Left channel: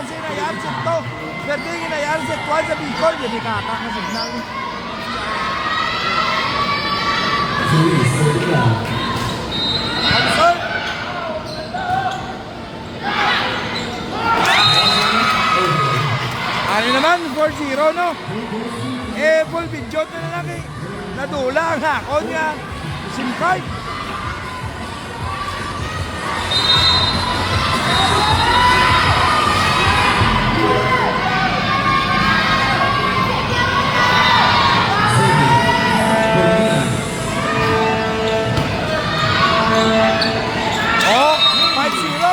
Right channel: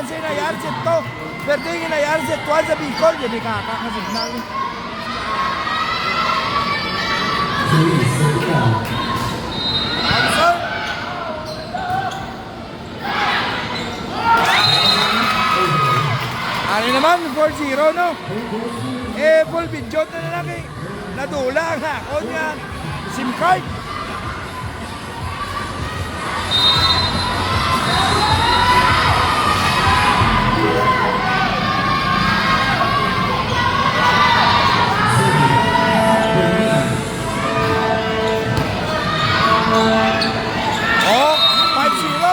Avance na yan, set to. Perding na yan, set 1 sa Bicol. Yun ay kakakasignal. Answer. Ano naman, 4-0, no? Full video na lang eh. Nadula nga ako niya. SIM card. Oh, 5-0.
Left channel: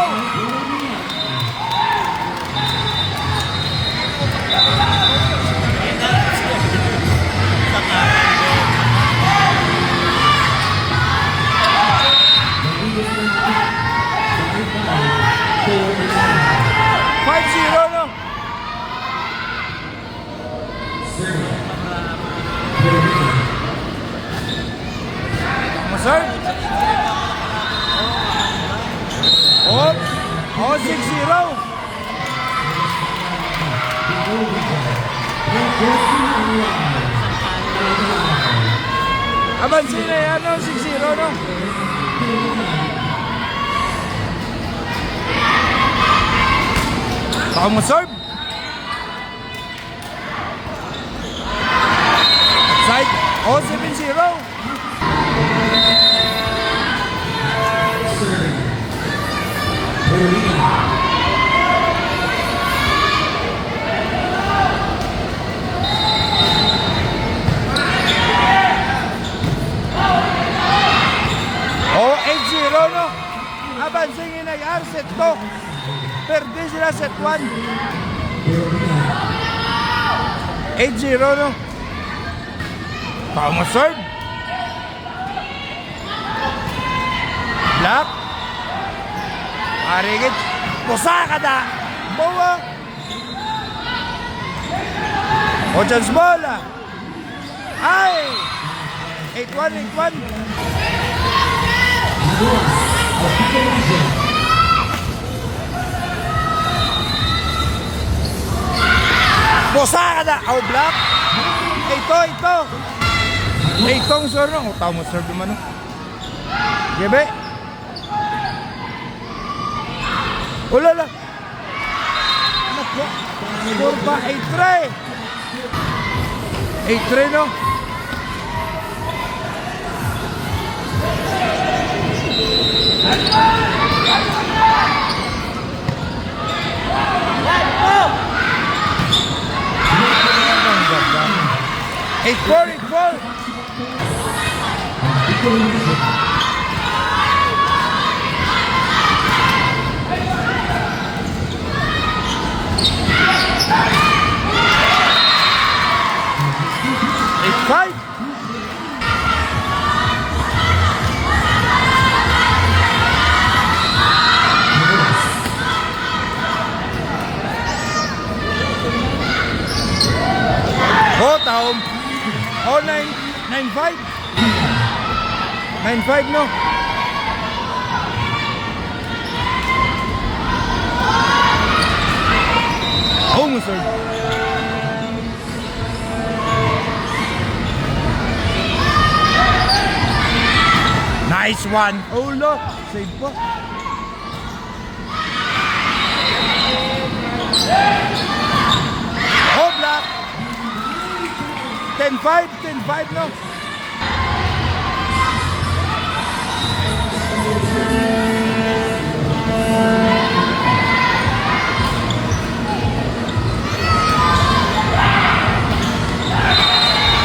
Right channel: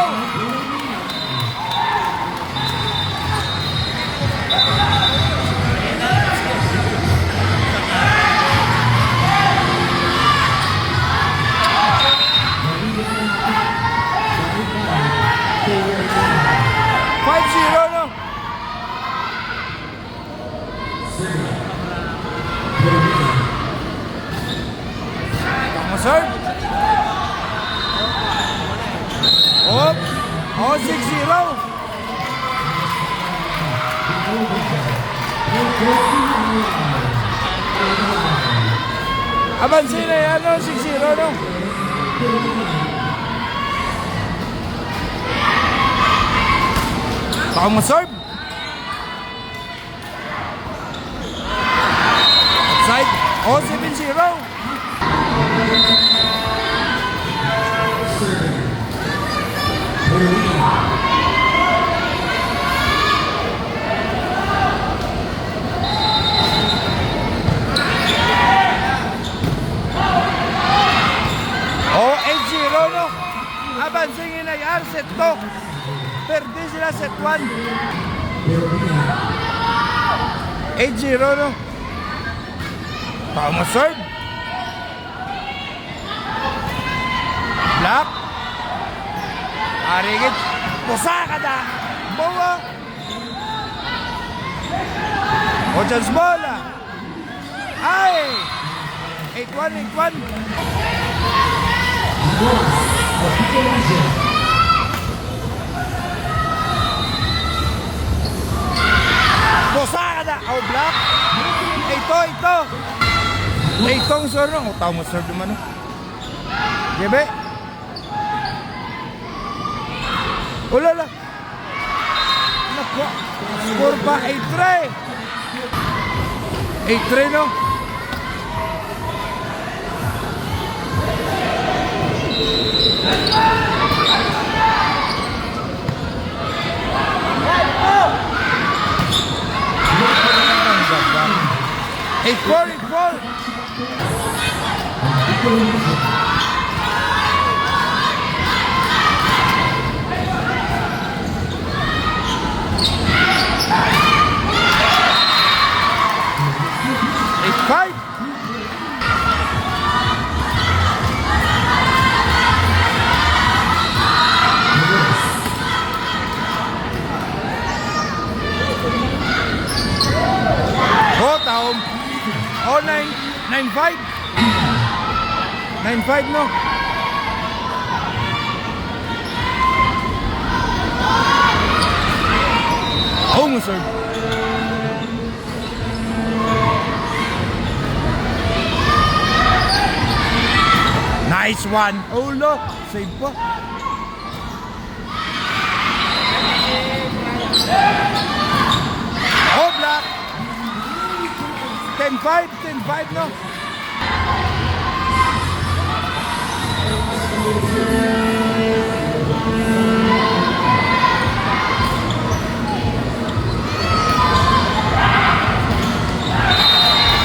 No? Serve. Oh, 6-0. Avance na yan, no? 6-0, no? Baka mo serve. Outside. Oh, 7-0. Oh, 8-0, no? Avancing inayar, set 2. Perde sila set 1. 8-0, no? Tama serve. Black. Arigit. Pusaka da. Bawa. O chance bola. Ay. 8-1, 8-1. Pusaka da. O black. Ito. Itong sir no. Tao mo serve naman no. Gebe. Ulala. Nako. Score pa 8-3. 8-3 no. Eight four. Eight five. Oh, taom. Oh, 9-5. 9-5, no? Oh, mo, sir. Nice one. Oh, look. Save pa. Oh, black. 10-5, no?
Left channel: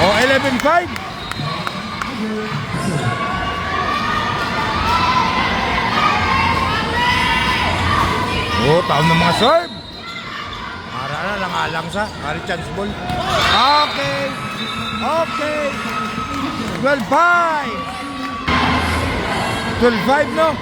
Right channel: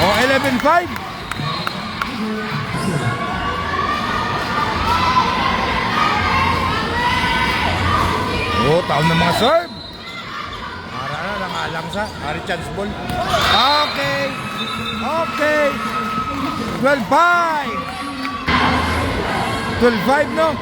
Oh, 11-5. Oh, taon ng mga serve. Para na lang alang sa. Hari chance ball. Okay. 12-5. 12-5, no?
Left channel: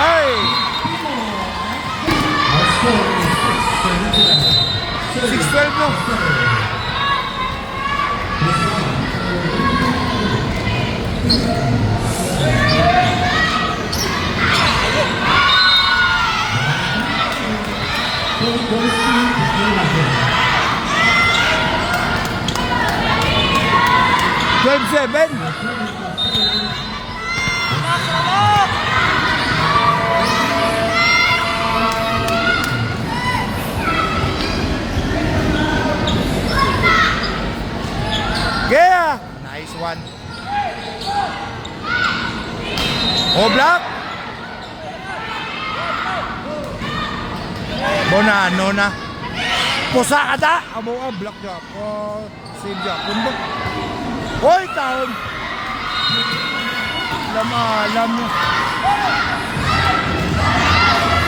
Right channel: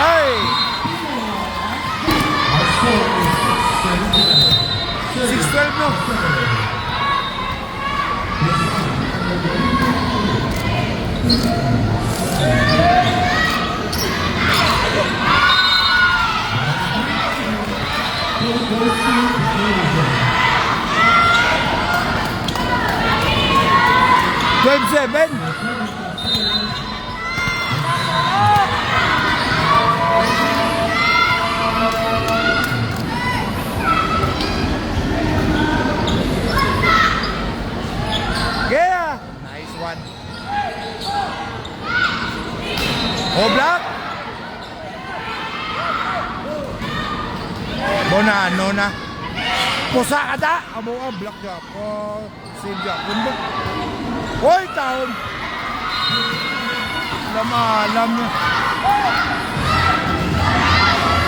Ay! 12 no. Twelve seven. Yeah, nice one. Oh, block. Bonano na. Pusa ka da. Abo ka, block niya po. Save niya po. Hoy, taon. Alam niya.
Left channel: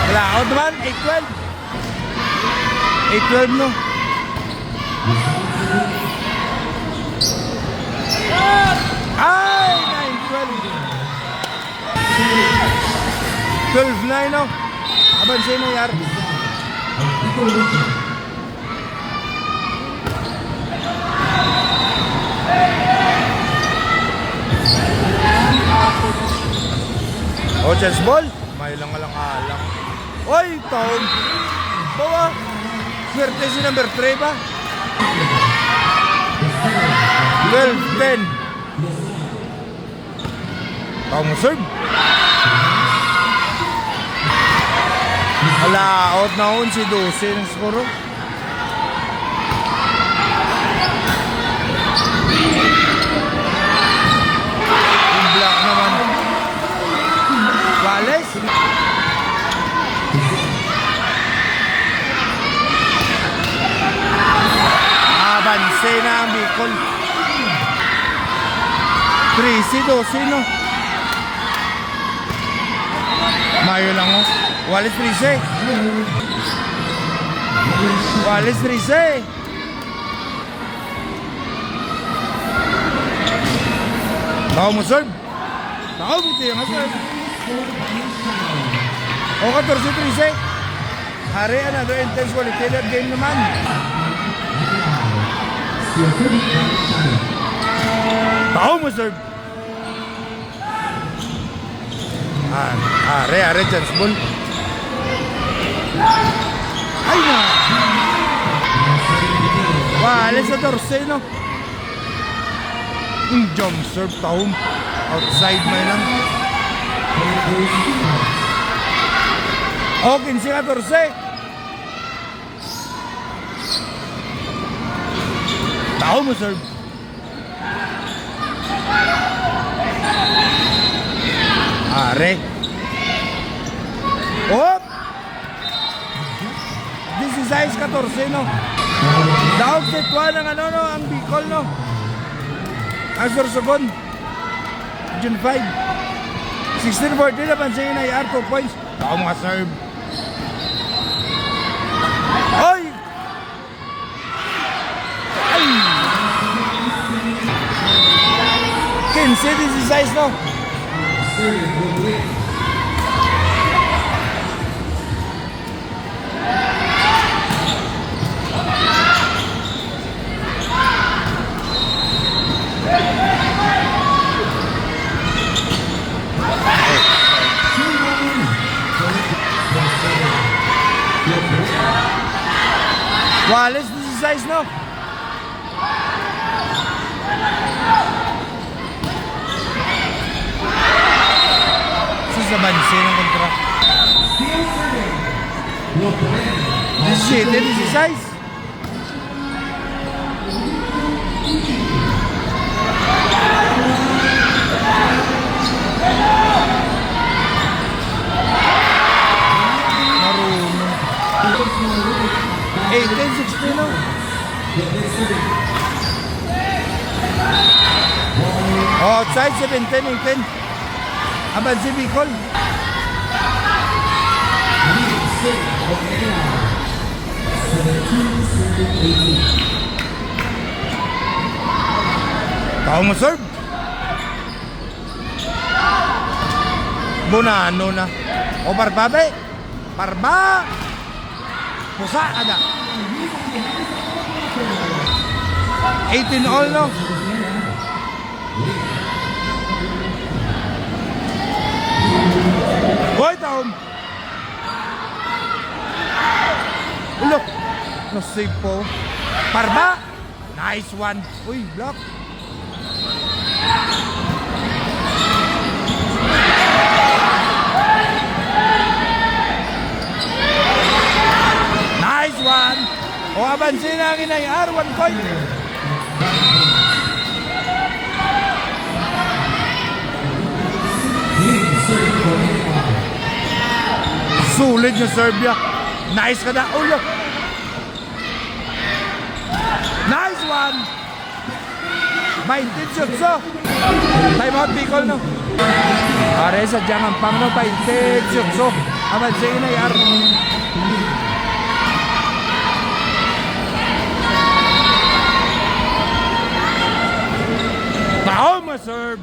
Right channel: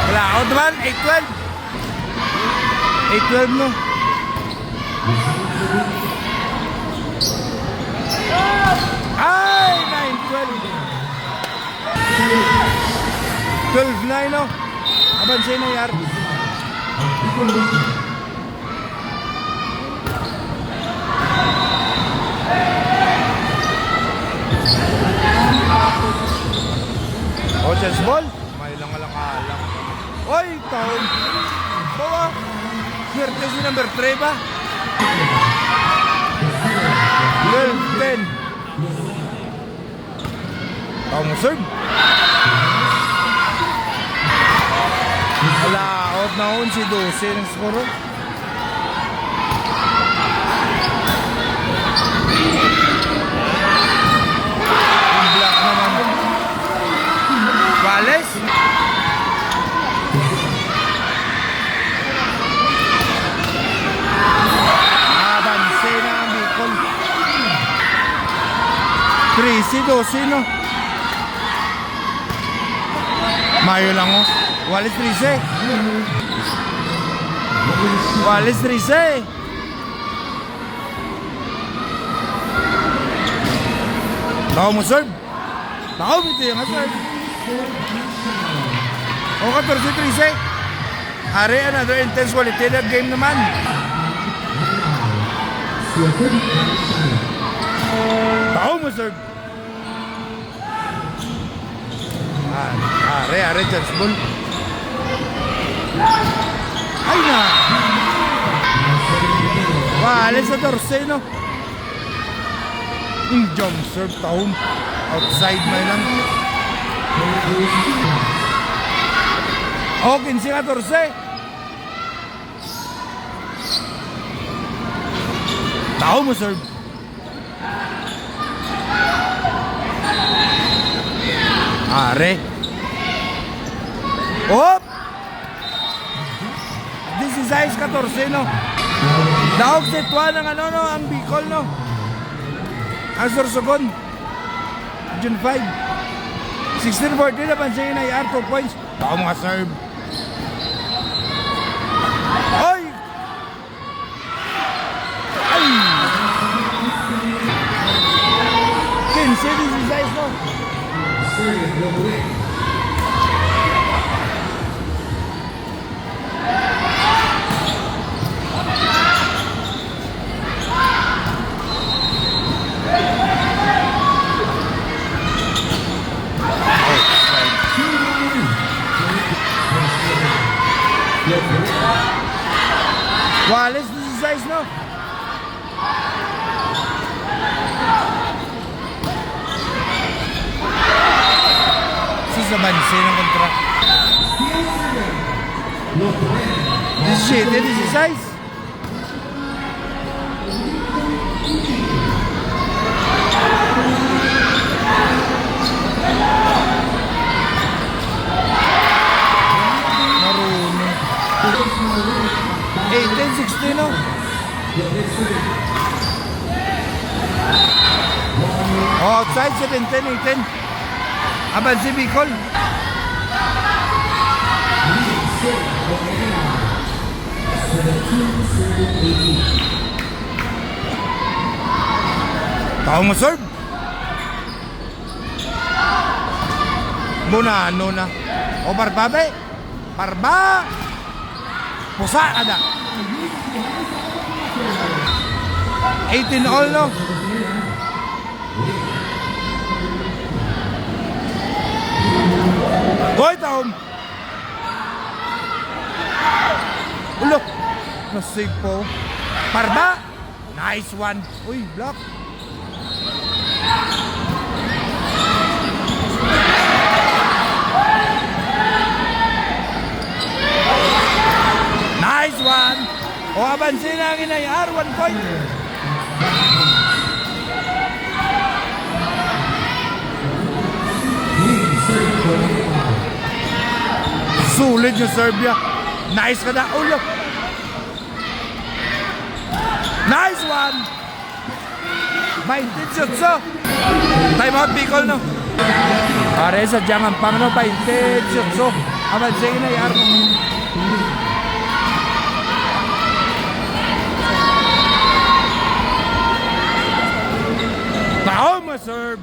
Kalaot naman, 8-12. 8-12 no. Ay, 9-12. 12-9 no. Abansay na yar. Oh, chance ball. May lang alang. Oy, taon. Bawa. Swerte si number 3 ba? 12-10. Taon mo serve. Hala, out na on si 12 ng skoro. Yung black naman. Wales. Abanse na ang Bicol. 13-12 no. Mayo lang oh. Wales 13. Wales 13. Tao mo serve. Tao mo ito yung serve. O 14-13. Are another intense qualitative game naman. Tao mo serve. Are chance ball. Ay na. Wales 14 no. Jump serve taong. Outside may lang. O 15-14. Tao mo serve. Are. Hop! 16-14 no. Daog setwa ng ano no, ang Bicol no. Ang Sorsogon. June 5. 16-14 na pansin na IR 2 points. Tao mga serve. Oy! Ay! 15-16 no. Wales 16 no. Sa banse ng kontra. 17-16. Marunong. 18-16 no. Outside 17-18. Aban si Bicol. Tao mo serve. Bonano na. O Barbabe. Barba. Pusa ka na. 18 all, no? Hoy, taom! Ulo! Na-save po. Parba! Nice one! Uy, block! Nice one! O, abansin na ang inayar. 1 point. Sulit yung Serbia. Nice ka na. Ulo. Nice one. 20 shots. Time out, Bicol, no? Are sa jangan pang, no? 20 shots. Abansin na yar. Tao ma-serve.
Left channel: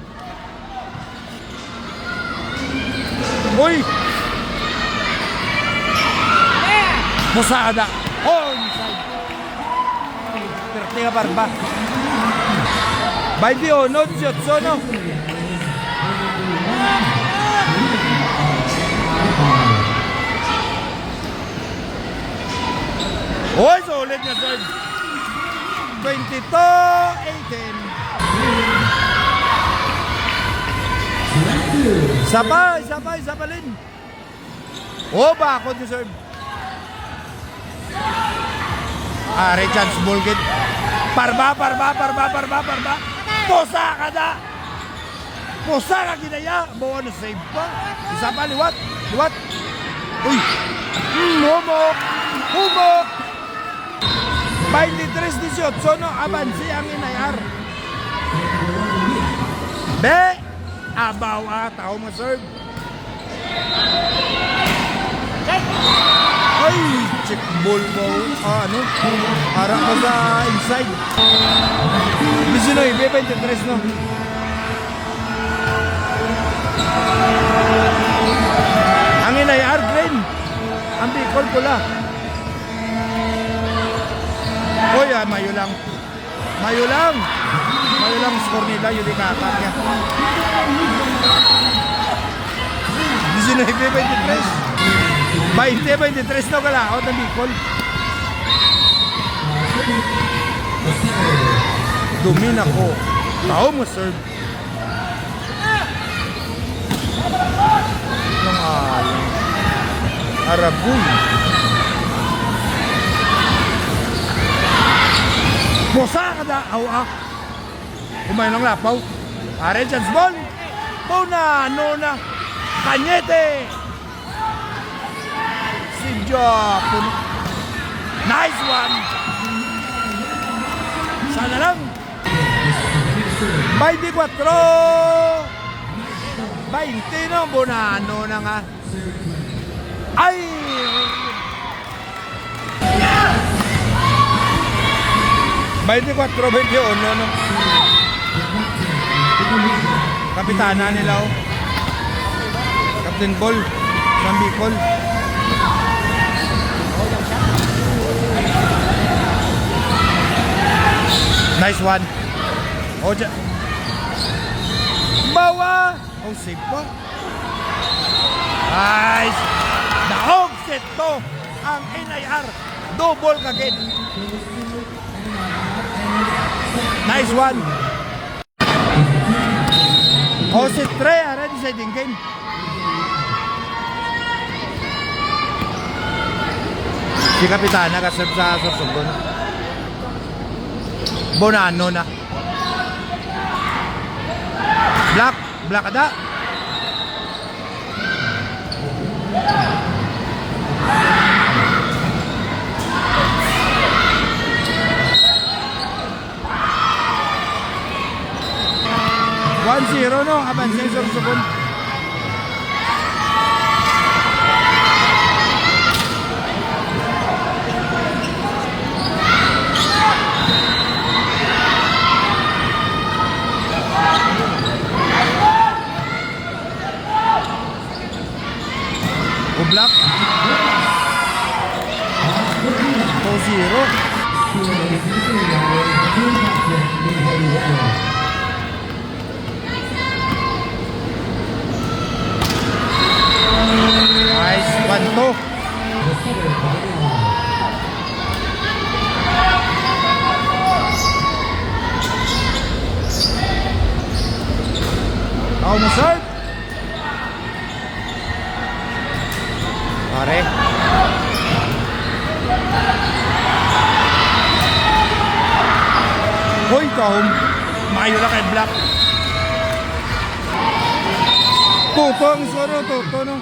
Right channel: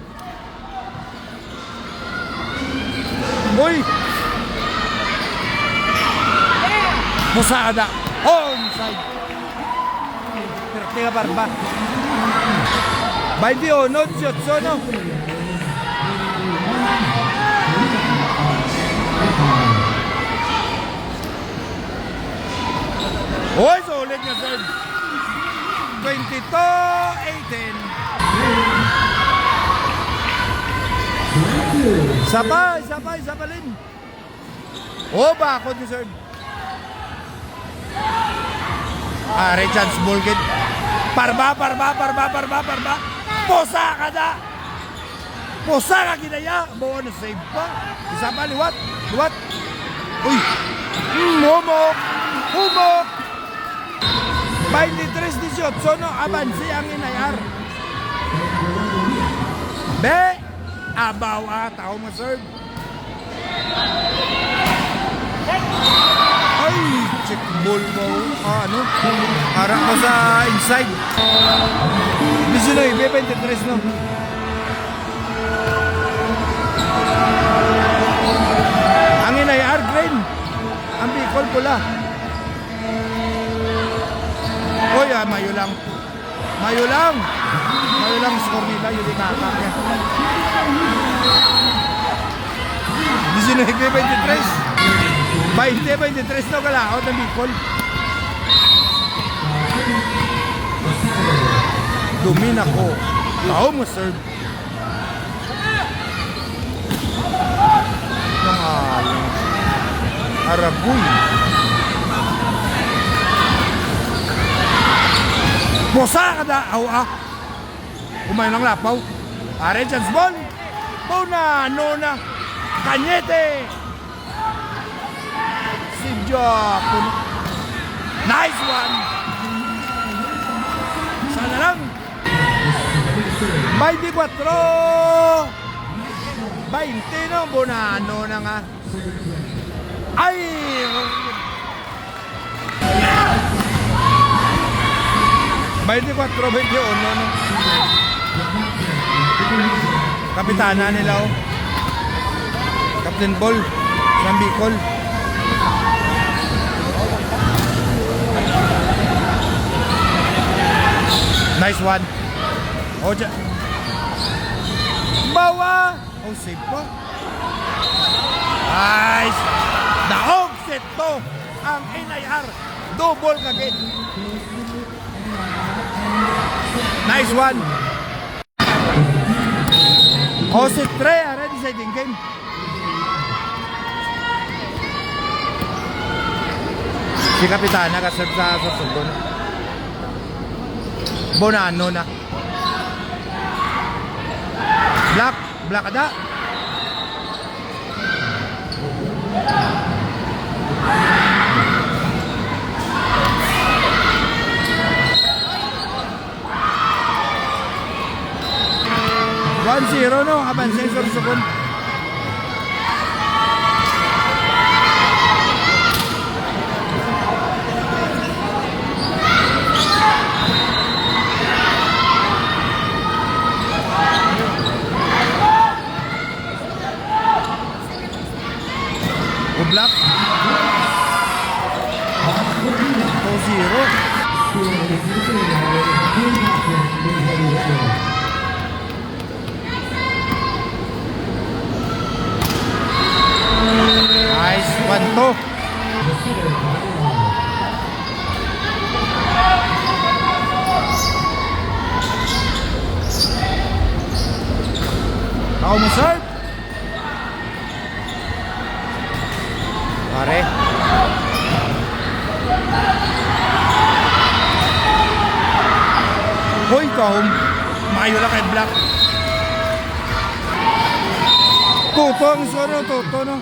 Uy. Pusada. Onside. Perte ka Parba. 21 shots, no? Oy, solid nga serve. 22-18. Sabay, sabalin. Oh, bakod ni serve. Chance ball kid. Parba. Posa ka na. Posa ka kinaya. Buo na save pa. Isa pa, liwat. Uy. Humok. 23-18, no? Abansi ang inayar. Be. Abaw tao ma-serve. Ay, check ball mo. Ano? Harap mo sa inside. 19-23, no? Ang inayar green. Ang Bicol pula. Oy, mayo lang score nila. Yun ikakak niya. 19-23. 20-23 na kalaot ng Bicol. Dumin ako. Tao mo serve. Yung alang Aragoy. Bosa ka na. Umay ng lapaw. Chance ball. Nona. Kanyete. Si Japon. Nice one. Sana lang. 24. 20, no? Bonano na nga. Ay! Baiti 4-21, no? Kapitana nila, oh. Captain Ball ng Bicol. Nice one. Oh, bawa. Oh, save pa. Nice. Daog ito ang NIR. Double kagid. Nice one. Oh, si Trey, ready sa game. Si Kapitana ka-serve sa Sorsogon. Bonano na. Black ada. One zero, no? Abansa yung Sorsogon. Black 2-0. Nice, 1-2. Ako mo, sir. Pare. Hoy, kahom. Mayo lang kay Black. Toto ang soro, toto, no?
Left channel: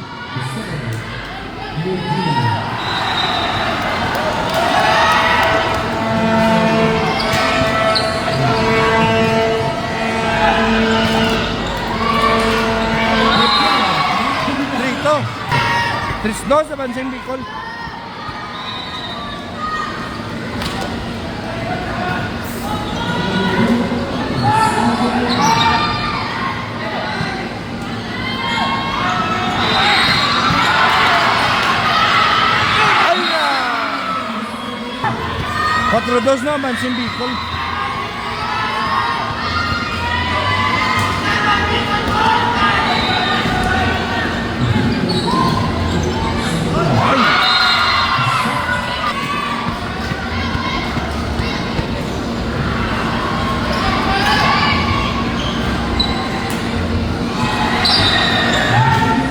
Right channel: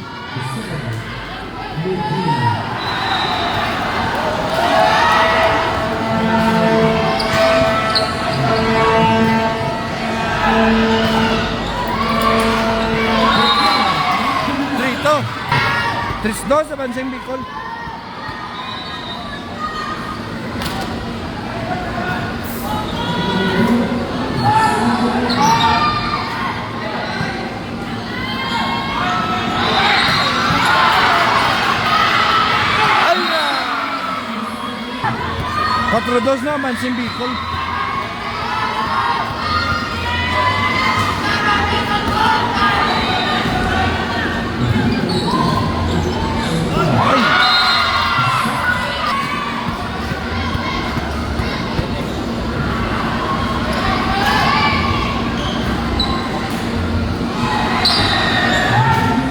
Trito. 3-2 sa Banseng Bicol. Ay na! 4-2 na Banseng Bicol.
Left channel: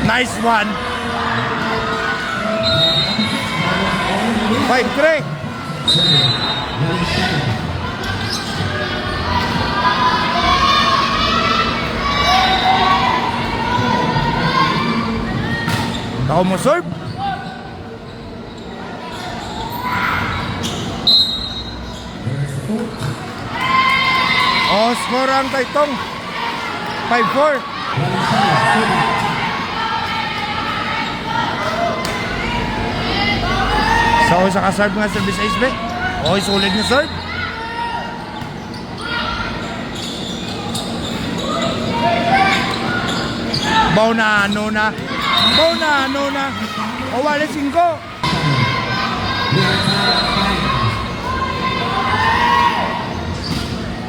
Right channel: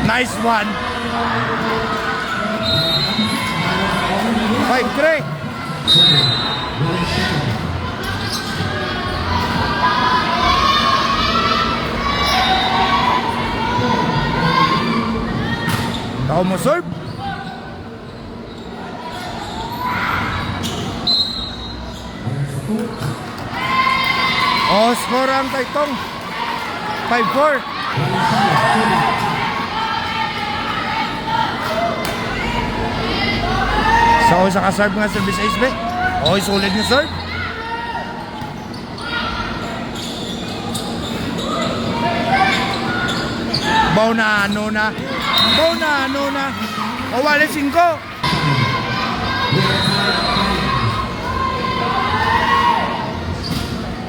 Nice one. 5-3. Tao mo serve. Score ang Taytong. 5-4. So, sa ka-serve nga service ace be. Okay, sulit na serve. Baw na ano na. O, wala 5.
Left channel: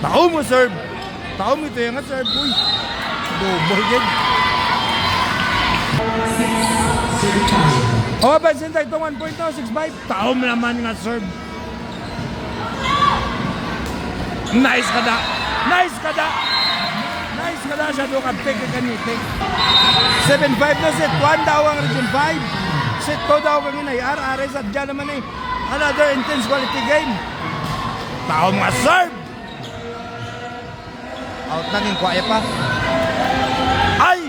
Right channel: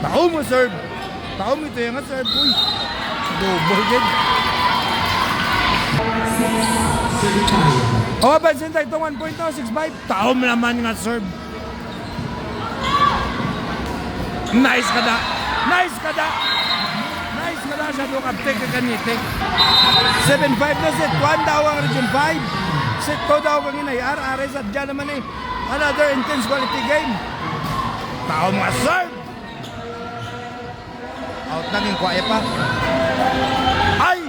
Tao mo serve. Tao mo ito yung nga serve. Uy, double yan. O, pansin tayo itong 1.65. Tao mo naman nga serve. Nice ka da. Sa doon kapte ka kanitik. 7-5 na set 1 daw ang region 5. Set 2 daw kang inayar. Ares at dyan naman eh. Another intense quality game. Tao mga serve. Out lang yung kwaya pa. Ay!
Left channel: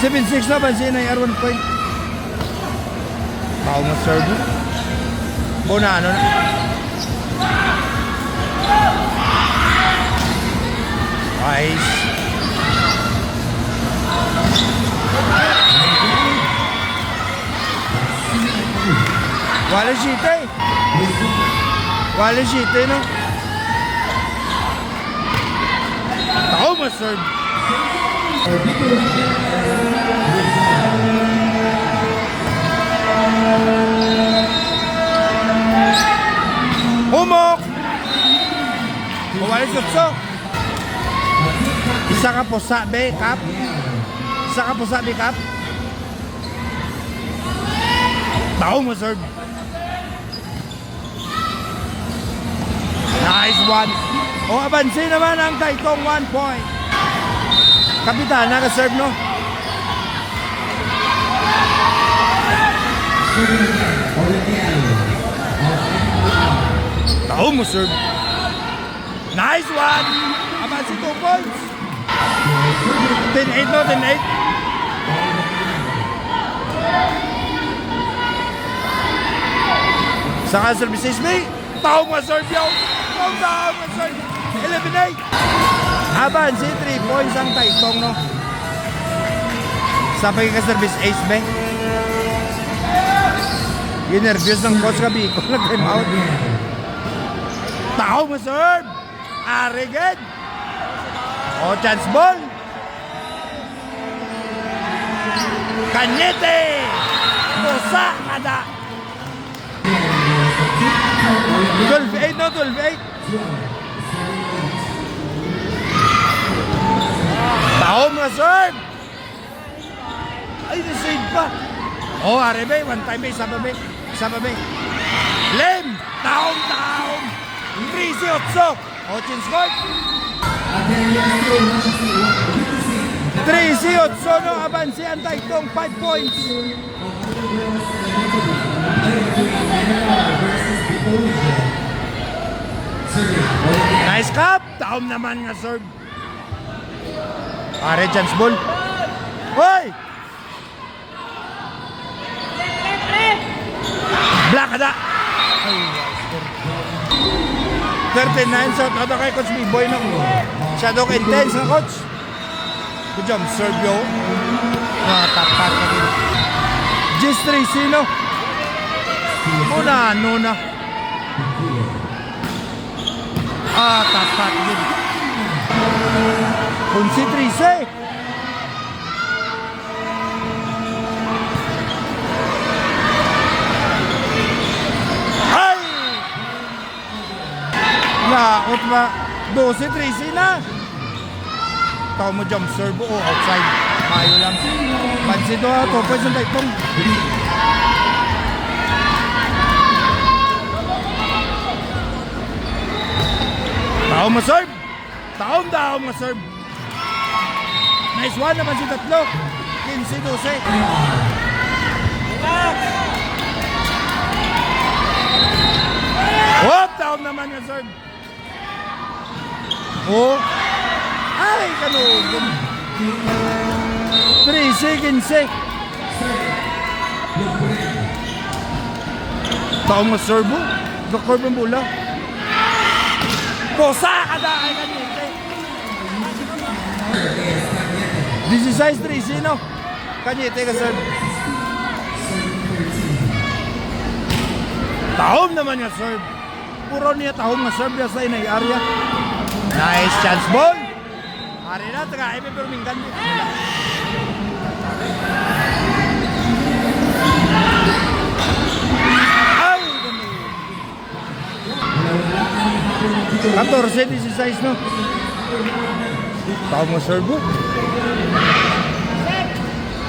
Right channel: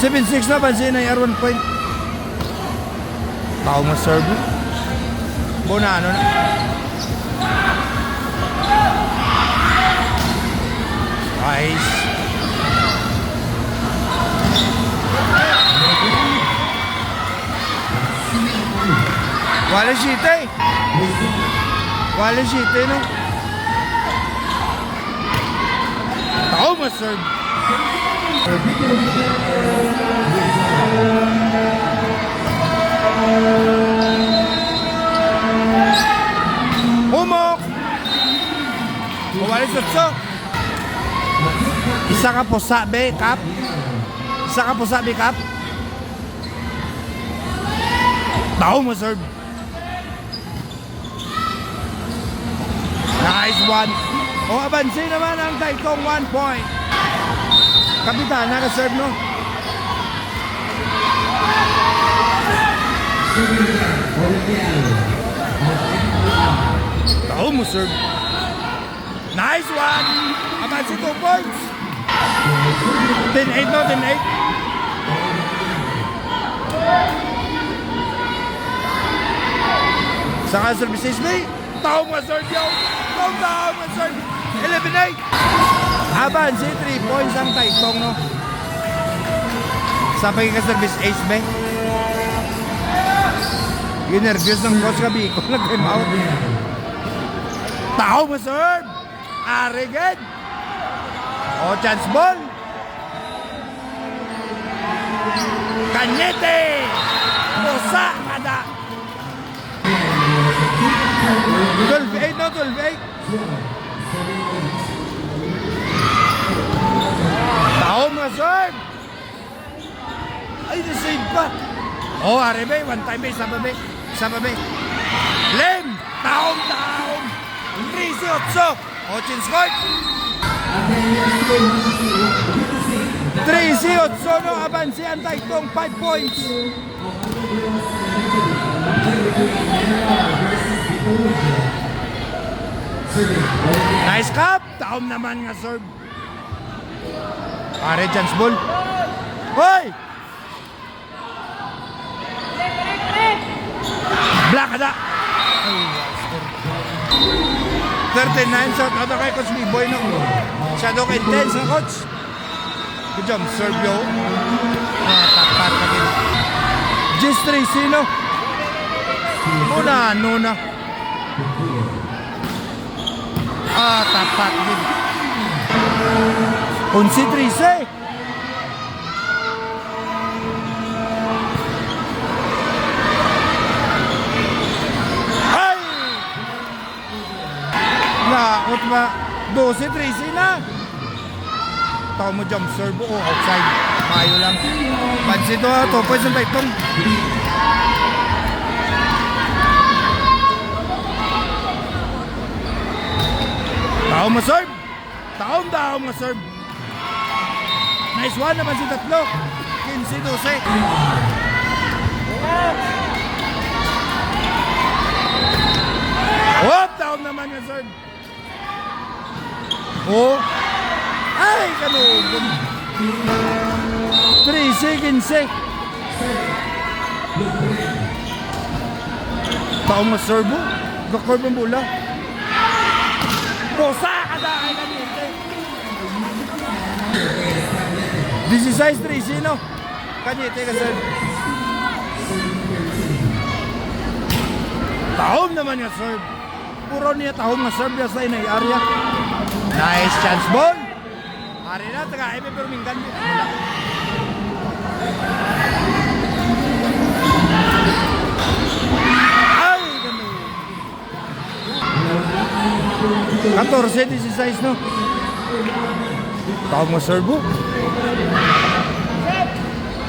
7-6 na pansin ay R1 point. Tao mga serve. Bonano na. Nice. Wala shite, no? Tao mo, sir. Humok! Wala shite. Isa ka po sa backup. Tao mo, sir. Nice one. O, abansin naman ang Taytong 1 point. Kapitan, naka-serve, no? Tao mo, serve. Nice one. Abansin 2 points. 10-8, no? 10-8. Saka services, may tao mo, serve, yo. Tao mo, serve. 11-8. Aban, si 3 points ang Taytong, no? Sa pagkakaservice ace, be. Ginervyos ng coach ka, Biko. Nag-time out. Tao mo, serve. Ariged. O, chance ball. Kanyete. Pusa. kada. 12-8 no, 12-8. Taom nga serve. Ay, na-save pa. Oh, Arebe, one time isa pa be. Isa pa be. Lem, taom. 13-8. Ochin scored. 13-8 no, abansi ang Taytong 5 points. Nice cup. Taom naman nga serve. Pare, chance ball. Hoy! Black ada. Ay, score. 39 shot out kay Coach B-Boy no. Shadow kay intense na coach. Good job, serve yo. Tapat na din. Just 3 no. Una, nuna. Tapat din. Unsi 13. Ay! Naot ba? 12-13 na. Tao mo jump serve o outside. Mayo lang. Bansi to ha. 2 points ang Taytong. Tao mo serve. Taom mo serve. Nice one naman si tatlo. 15-12. Whoop! Taom naman nga serve. Oh. Ay, kanugod. 3-15. Taom mo serve. Dokor ng bola. Bosa kada kay kanite. 16-13 no. Kanite ka serve. Taom naman nga serve. Puro niya taom nga serve sa inay area. Nice chance ball. Hari na taga ebe pero minggan di. Wala. Ay, ganun. 14-16 no. Taom nga serve.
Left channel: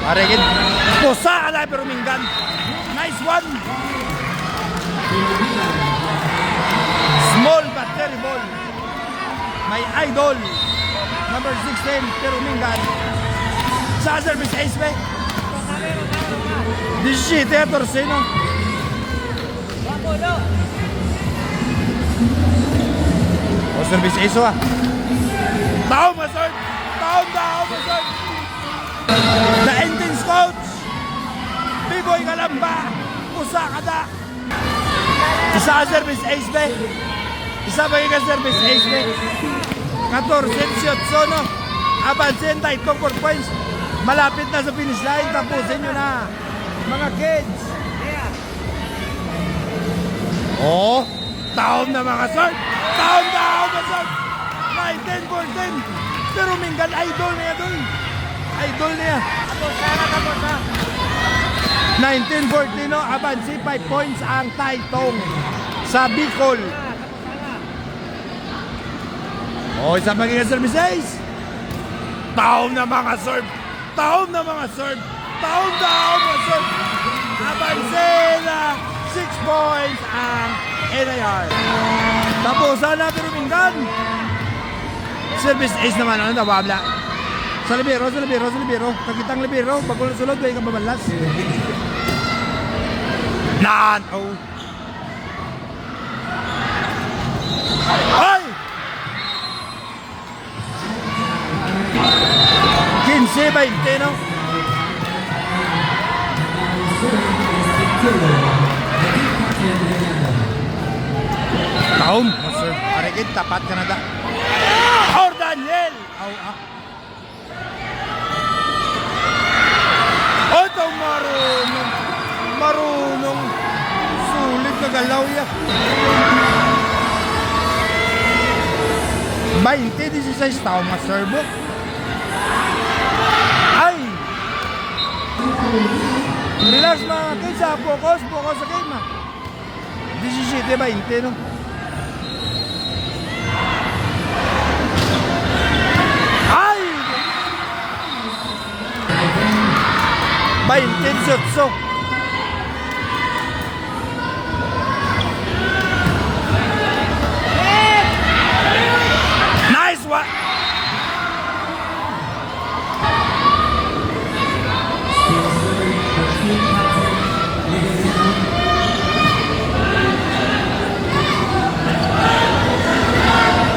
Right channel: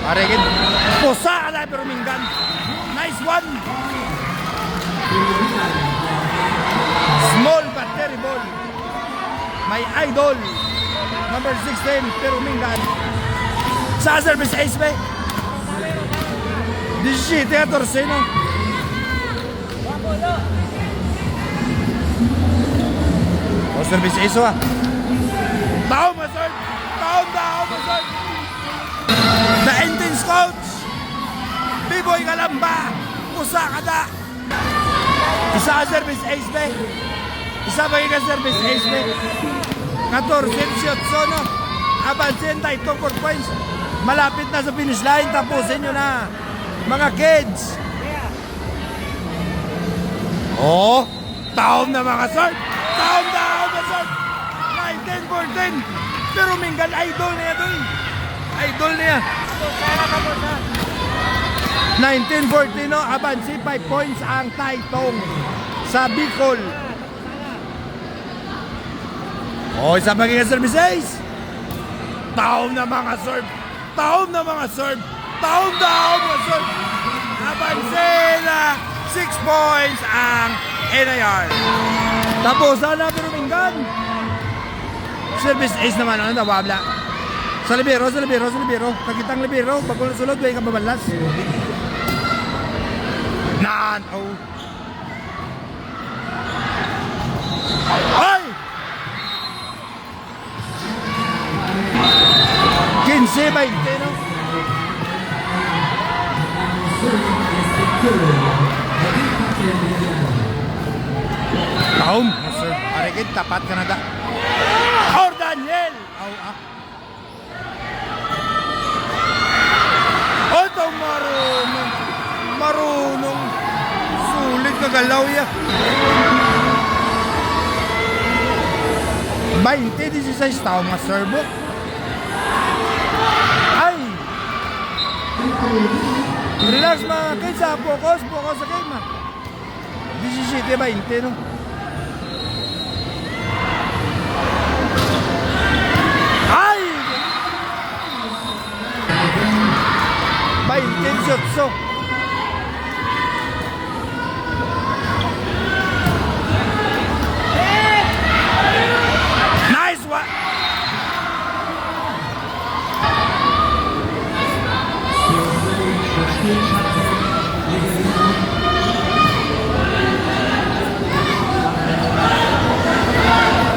Aregin. Posa ala pero minggan. Nice one. Small but terrible. My idol. Number 16 pero minggan. Sa service ace ba? 17-14 no. O service ace ah. Taom nga serve. Taom nga serve. The intense coach B-Boy Galamba. Usa kada. Isa ka service ace be. Isa ba yung service ace be. 14-18 no. Abansin Taytong 4 points. Malapit na sa finish line. Tapusin nyo na mga kids. Oh, taom na mga serve. Taom na serve. 19-14. Pero minggan idol niya doon. Idol niya. 19-14 no, abansi 5 points ang Taytong sa Bicol. Oh, isa magiging service ace. Taom na mga serve. Taom na mga serve. Taom mga serve. Abansi na 6 points ang NIR. Tapos na pero minggan. Service ace naman ano, nawabla. Sa libero. Kakitang libero. Pag sulod, may kababalas. Oh. Ay! 15-20, no? Taom, master. Arigid, tapat ka na da. Or Daniel! Oh, ito marunong sulit na galaw ya. 20-16 tao mga servo. Ay Relax mga kids ha. Focus sa game ha. 17-20 no. Ay! 28. Nice one!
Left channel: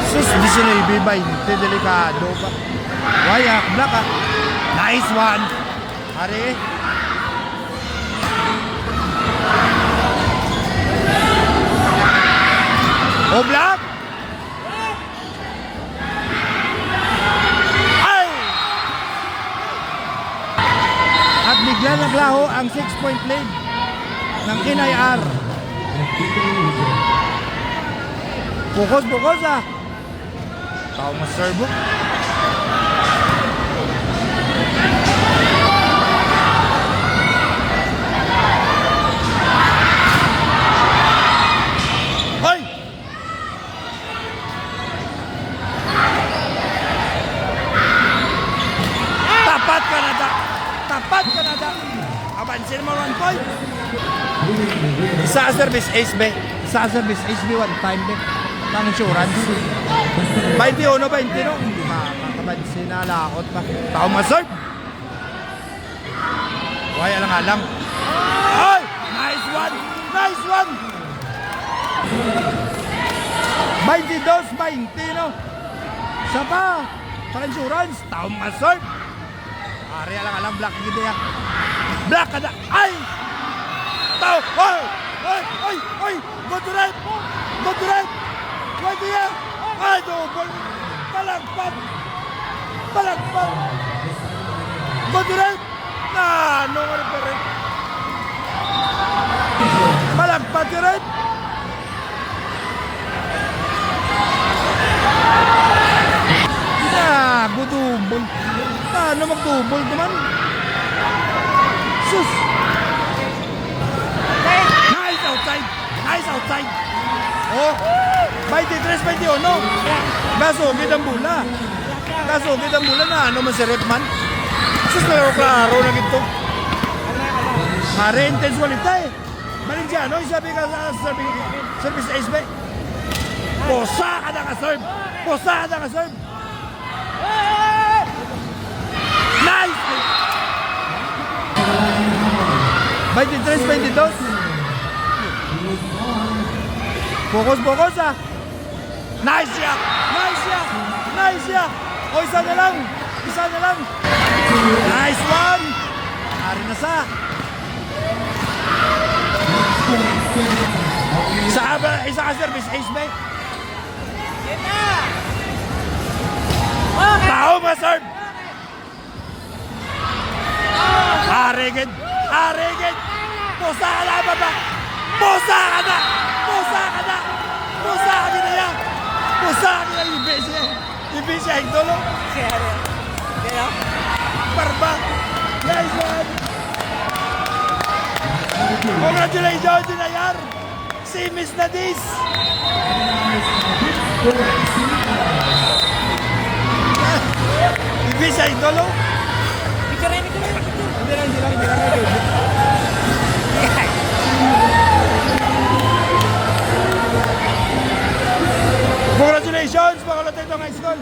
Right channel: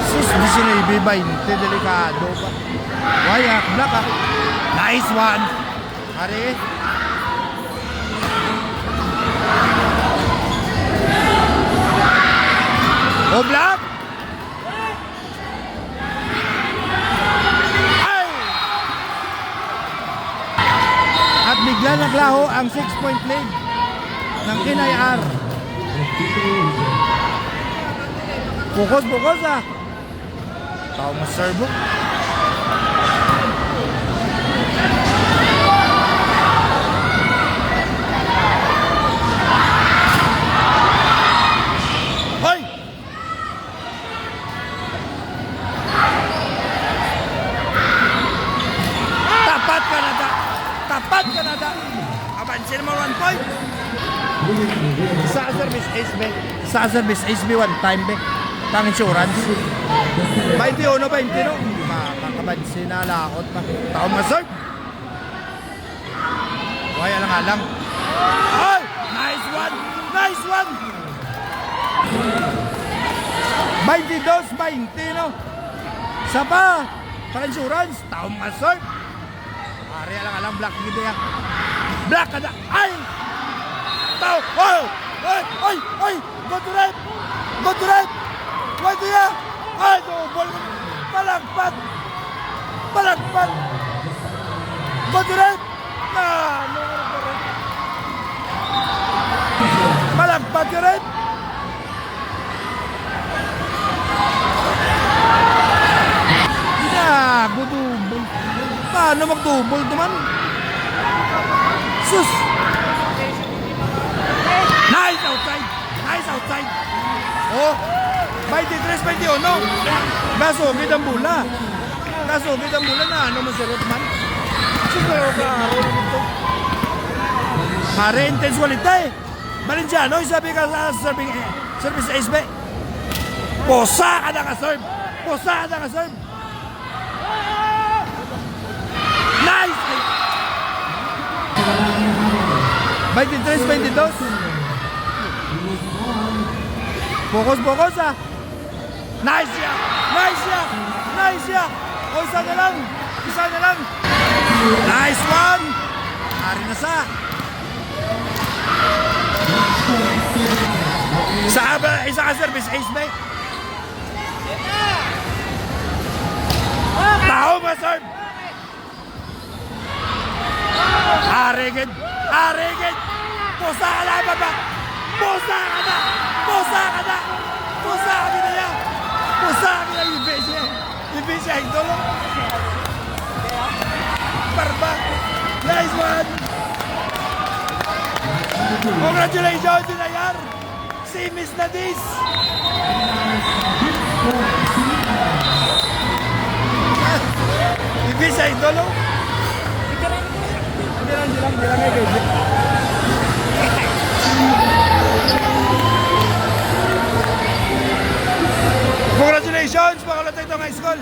Sus, 19-20, delikado pa. Wayak, black ha. Nice one! Hari. Oh, black! Ay! At bigla naglaho ang 6-point lead ng Kinay R. Focus ha. Tao mas-serve. Hoy! Tapat Canada. Abansin mo 1 point. Sa service ace be. One time be. Pang insurance. 21-20 no. Makakabansin na lakot pa. Tao maserve. Why alang-alang. Ay! Nice one. 22-20 no. Sapa. Pang insurance. Tao maserve. Ari alang-alang black gid ya. Black kada. Ay! Tao. Ay! Go to right. Why do ya? Ay, double. Palagpat. Go to right. No pa rin. Palagpat ka right. Budubol. Paano magdubol naman? Sus! Nice outside! Oh! 23-21 no? Gasugid ang bula na ano man si Redman. Sus na klaro na gito. Mare intense walita eh. Valenciano, sabi ka sa service ace be. Posa ka na ka-serve. Nice! 23-22. Focus ha. Nice ya. O isa na lang. Nice one. Ari na sa. Isa ka service ace ba? Tao ma-serve. Arigid. Pusa ka na ba? Pusa ka na yan. Ibig siya idolo. Barba. Nice one. Congratulations Dinayar. Si Miss Nadis. Ibig siya idolo. Hindi lang. Congratulations mga Lotito High School.